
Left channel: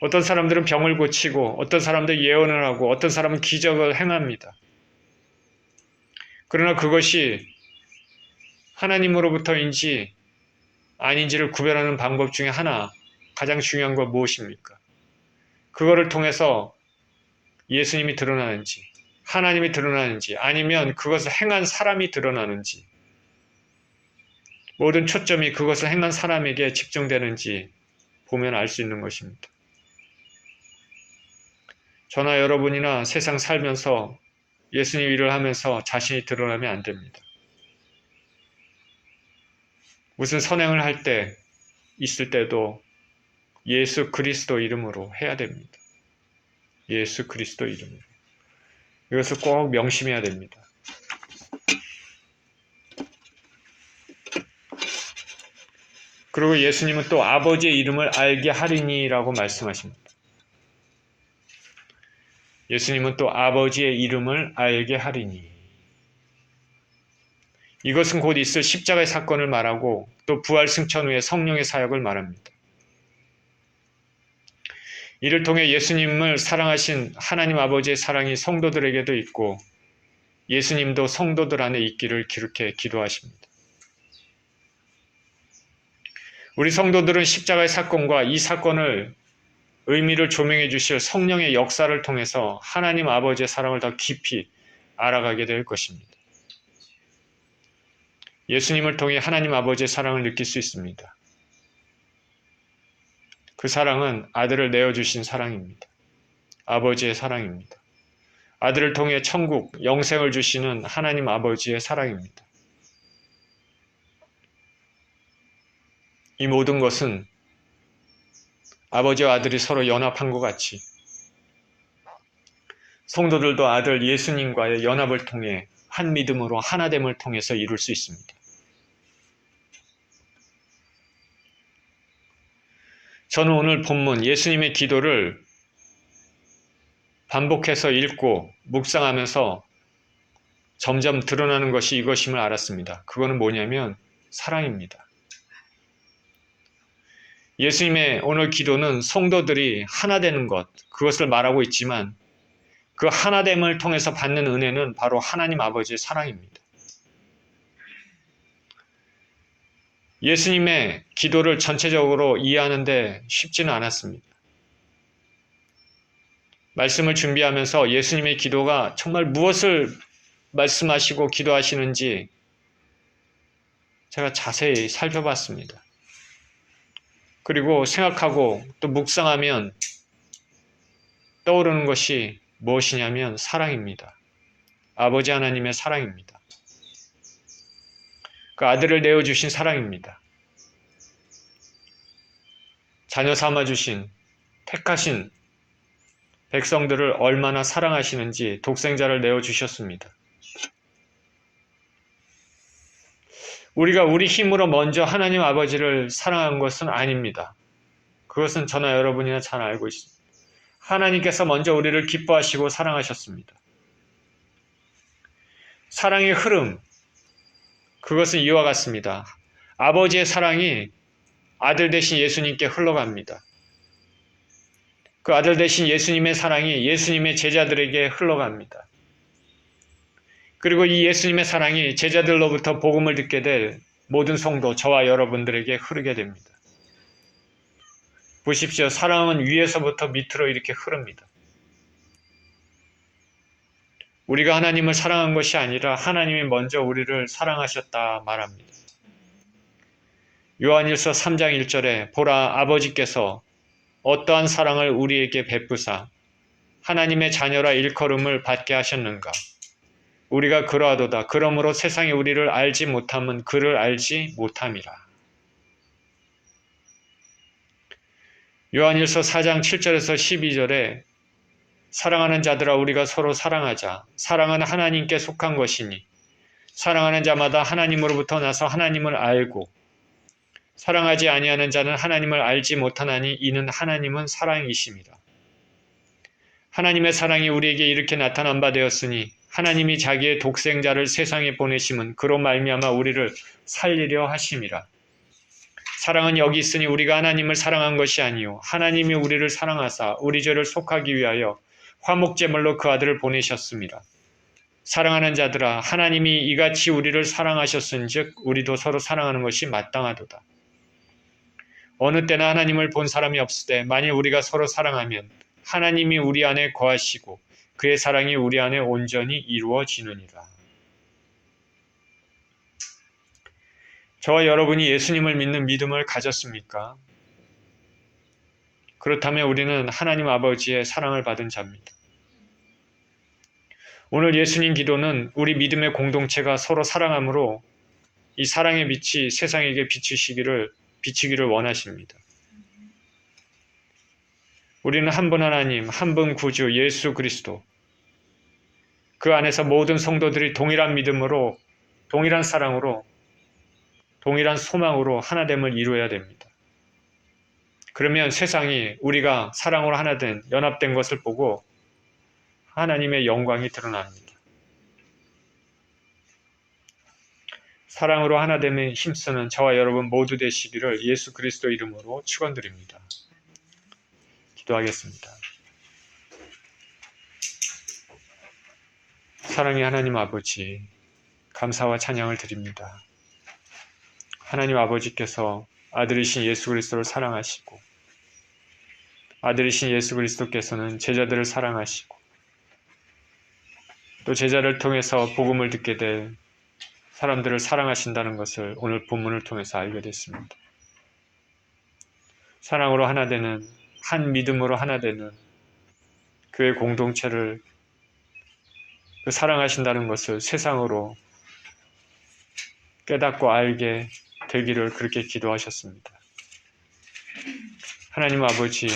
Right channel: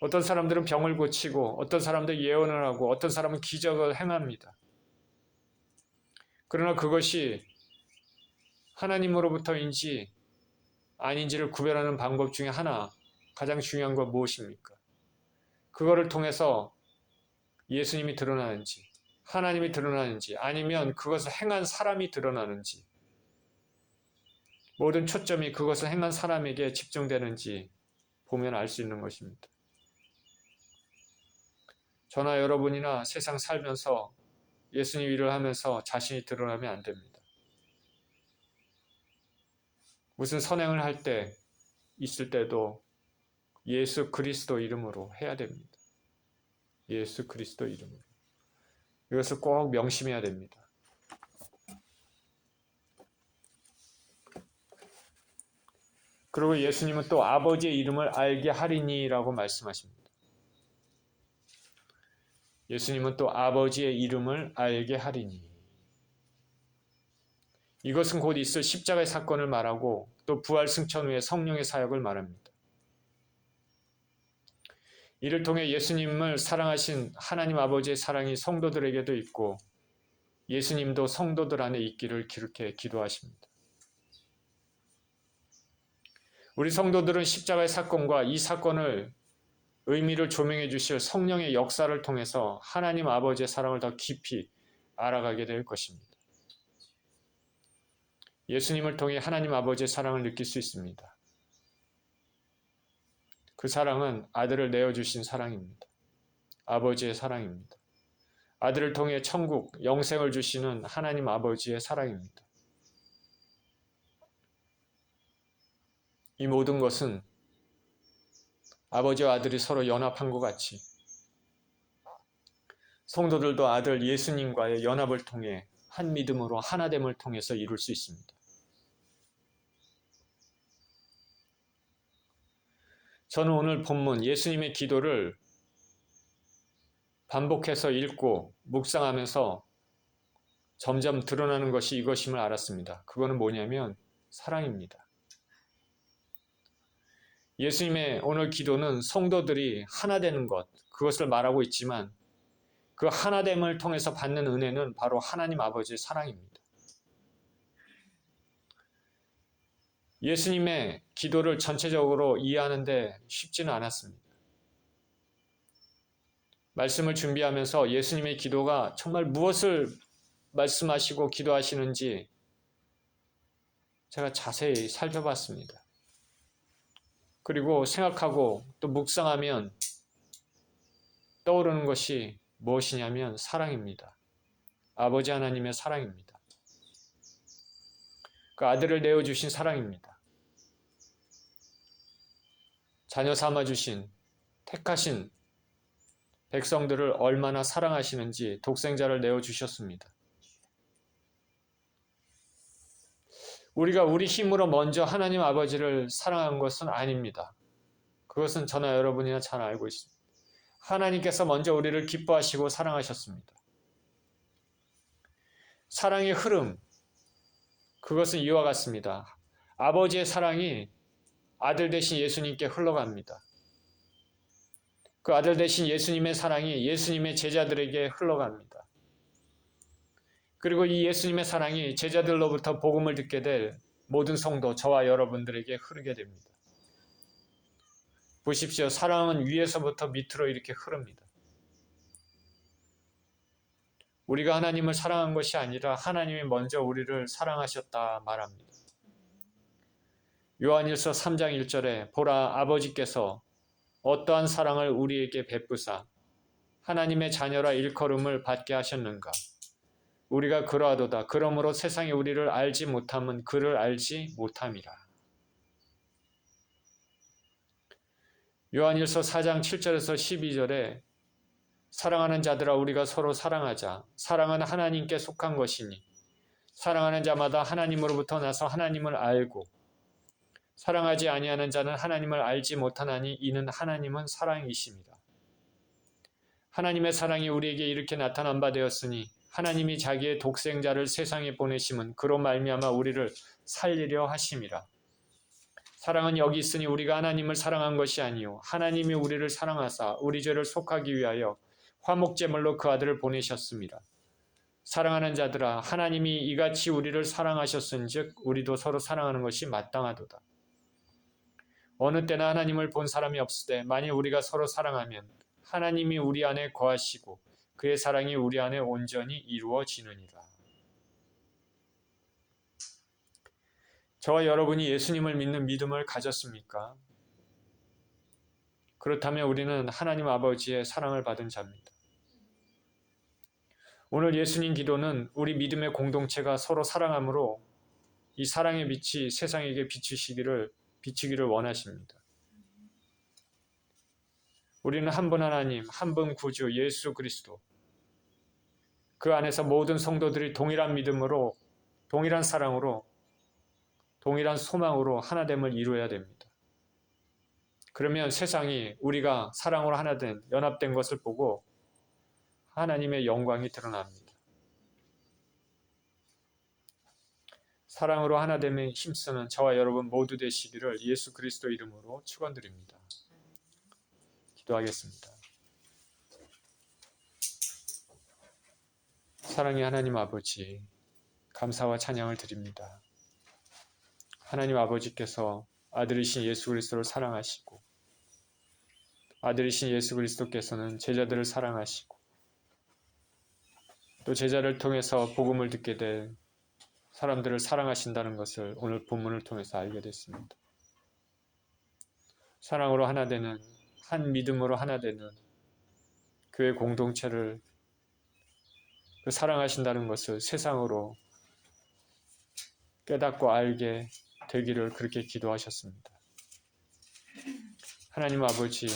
어떤 사람들은 병을 고치고 어떤 사람들은 예언을 하고 어떤 사람은 기적을 행합니다. 그러나 그것이 하나님으로부터인지 아닌지를 구별하는 방법 중에 하나, 가장 중요한 건 무엇입니까? 그거를 통해서 예수님이 드러나는지, 하나님이 드러나는지, 아니면 그것을 행한 사람이 드러나는지, 모든 초점이 그것을 행한 사람에게 집중되는지 보면 알 수 있는 것입니다. 저나 여러분이나 세상 살면서 예수님 일을 하면서 자신이 드러나면 안 됩니다. 무슨 선행을 할 때, 있을 때도 예수 그리스도 이름으로 해야 됩니다. 예수 그리스도 이름으로. 이것을 꼭 명심해야 됩니다. 그리고 예수님은 또 아버지의 이름을 알게 하리니라고 말씀하십니다. 예수님은 또 아버지의 이름을 알게 하리니. 이것은 곧 있을 십자가의 사건을 말하고 또 부활 승천 후의 성령의 사역을 말합니다. 이를 통해 예수님을 사랑하신 하나님 아버지의 사랑이 성도들에게도 있고 예수님도 성도들 안에 있기를 그렇게 기도하십니다. 우리 성도들은 십자가의 사건과 이 사건을 의미를 조명해 주실 성령의 역사를 통해서 하나님 아버지의 사랑을 더 깊이 알아가게 될 것입니다. 예수님을 통해 하나님 아버지의 사랑을 느낄 수 있습니다. 그 사랑은 아들을 내어주신 사랑입니다. 아버지의 사랑입니다. 아들을 통해 천국, 영생을 주시는 하나님 아버지의 사랑입니다. 이 모든 것은 아버지와 아들이 서로 연합한 것 같이 성도들도 아들 예수님과의 연합을 통해 한 믿음으로 하나됨을 통해서 이룰 수 있습니다. 저는 오늘 본문 예수님의 기도를 반복해서 읽고 묵상하면서 점점 드러나는 것이 이것임을 알았습니다. 그거는 뭐냐면 사랑입니다. 예수님의 오늘 기도는 성도들이 하나 되는 것, 그것을 말하고 있지만 그 하나됨을 통해서 받는 은혜는 바로 하나님 아버지의 사랑입니다. 예수님의 기도를 전체적으로 이해하는데 쉽지는 않았습니다. 말씀을 준비하면서 예수님의 기도가 정말 무엇을 말씀하시고 기도하시는지 제가 자세히 살펴봤습니다. 그리고 생각하고 또 묵상하면 떠오르는 것이 무엇이냐면 사랑입니다. 아버지 하나님의 사랑입니다. 그 아들을 내어주신 사랑입니다. 자녀 삼아주신, 택하신 백성들을 얼마나 사랑하시는지 독생자를 내어주셨습니다. 우리가 우리 힘으로 먼저 하나님 아버지를 사랑한 것은 아닙니다. 그것은 저나 여러분이나 잘 알고 있습니다. 하나님께서 먼저 우리를 기뻐하시고 사랑하셨습니다. 사랑의 흐름, 그것은 이와 같습니다. 아버지의 사랑이 아들 대신 예수님께 흘러갑니다. 그 아들 대신 예수님의 사랑이 예수님의 제자들에게 흘러갑니다. 그리고 이 예수님의 사랑이 제자들로부터 복음을 듣게 될 모든 성도, 저와 여러분들에게 흐르게 됩니다. 보십시오. 사랑은 위에서부터 밑으로 이렇게 흐릅니다. 우리가 하나님을 사랑한 것이 아니라 하나님이 먼저 우리를 사랑하셨다 말합니다. 요한일서 3장 1절에 보라 아버지께서 어떠한 사랑을 우리에게 베푸사 하나님의 자녀라 일컬음을 받게 하셨는가. 우리가 그러하도다. 그러므로 세상이 우리를 알지 못함은 그를 알지 못함이라. 요한일서 4장 7절에서 12절에 사랑하는 자들아 우리가 서로 사랑하자. 사랑은 하나님께 속한 것이니 사랑하는 자마다 하나님으로부터 나서 하나님을 알고 사랑하지 아니하는 자는 하나님을 알지 못하나니 이는 하나님은 사랑이심이라. 하나님의 사랑이 우리에게 이렇게 나타난 바 되었으니 하나님이 자기의 독생자를 세상에 보내심은 그로 말미암아 우리를 살리려 하심이라. 사랑은 여기 있으니 우리가 하나님을 사랑한 것이 아니요 하나님이 우리를 사랑하사 우리 죄를 속하기 위하여 화목제물로 그 아들을 보내셨습니다. 사랑하는 자들아 하나님이 이같이 우리를 사랑하셨은즉 우리도 서로 사랑하는 것이 마땅하도다. 어느 때나 하나님을 본 사람이 없으되 만일 우리가 서로 사랑하면 하나님이 우리 안에 거하시고 그의 사랑이 우리 안에 온전히 이루어지느니라. 저와 여러분이 예수님을 믿는 믿음을 가졌습니까? 그렇다면 우리는 하나님 아버지의 사랑을 받은 자입니다. 오늘 예수님 기도는 우리 믿음의 공동체가 서로 사랑함으로 이 사랑의 빛이 세상에게 비치기를 원하십니다. 우리는 한 분 하나님, 한 분 구주 예수 그리스도, 그 안에서 모든 성도들이 동일한 믿음으로, 동일한 사랑으로, 동일한 소망으로 하나됨을 이루어야 됩니다. 그러면 세상이 우리가 사랑으로 하나된, 연합된 것을 보고 하나님의 영광이 드러납니다. 사랑으로 하나됨에 힘쓰는 저와 여러분 모두 되시기를 예수 그리스도 이름으로 축원드립니다. 기도하겠습니다. 사랑의 하나님 아버지, 감사와 찬양을 드립니다. 하나님 아버지께서 아들이신 예수 그리스도를 사랑하시고 아들이신 예수 그리스도께서는 제자들을 사랑하시고 또 제자를 통해서 복음을 듣게 될 사람들을 사랑하신다는 것을 오늘 본문을 통해서 알게 됐습니다. 사랑으로 하나 되는, 한 믿음으로 하나 되는 교회 공동체를 사랑하신다는 것을 세상으로 깨닫고 알게 되기를 그렇게 기도하셨습니다. 하나님 아버지,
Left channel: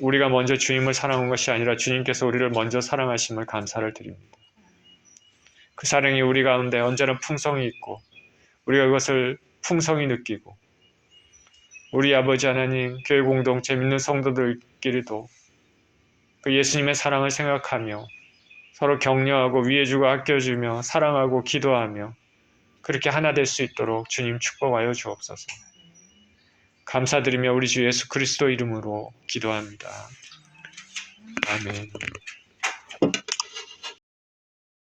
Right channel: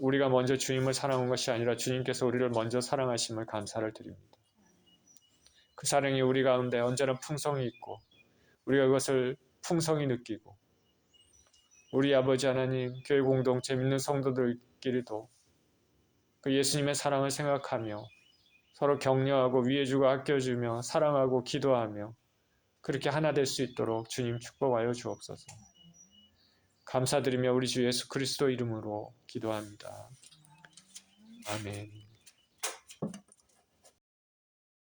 우리가 먼저 주님을 사랑한 것이 아니라 주님께서 우리를 먼저 사랑하심을 감사를 드립니다. 그 사랑이 우리 가운데 언제나 풍성히 있고 우리가 그것을 풍성히 느끼고 우리 아버지 하나님 교회 공동체 믿는 성도들끼리도 그 예수님의 사랑을 생각하며 서로 격려하고 위해주고 아껴주며 사랑하고 기도하며 그렇게 하나 될 수 있도록 주님 축복하여 주옵소서. 감사드리며 우리 주 예수 그리스도 이름으로 기도합니다. 아멘.